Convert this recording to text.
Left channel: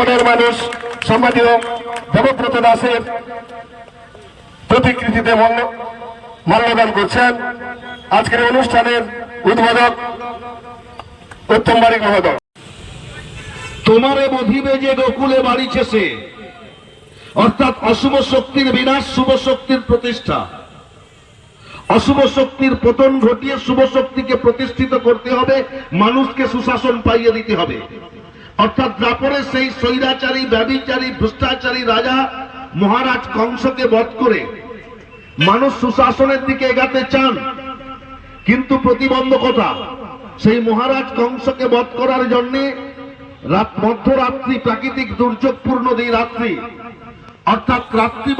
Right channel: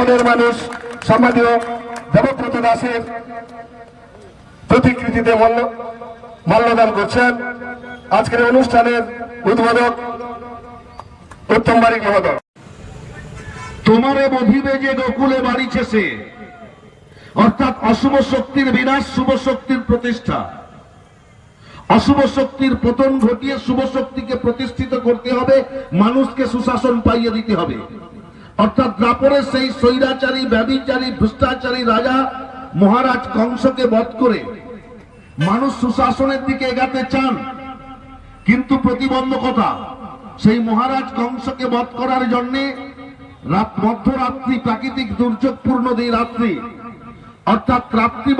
মনের মানুষ সম্মানীয় দেবব্রত দাসের প্রতিকৃতিতে মাল্যদান করছেন। আজকের অনুষ্ঠানের উদ্বোধক উত্তম বারিক মহোদয়। তোমারে বধিবে যে গোকুলে বাড়িছে সে, অর্থাৎ অশুভ শক্তির বিনাশ, শুভ শক্তির প্রতিষ্ঠা। অশুভ শক্তির পতন ঘটিয়ে শুভ শক্তিকে প্রতিষ্ঠিত করতে হবে, মানুষকে সুশাসন পাইয়ে দিতে হবে। অর্থাৎ দ্বাপরে সেই স্বৈরাচারী, ব্যভিচারী, ভ্রষ্টাচারী রাজা মহারাজ কংসকে বধ করে মানুষ সুশাসনের দিকে এগাতে চান, কিন্তু প্রতিবন্ধকতা সেই মহারাজ কংসকে বধ করার জন্য মধ্যরাত্রি, প্রাকৃতিক দুর্যোগপূর্ণ রাত্রি, অর্থাৎ রাত্রি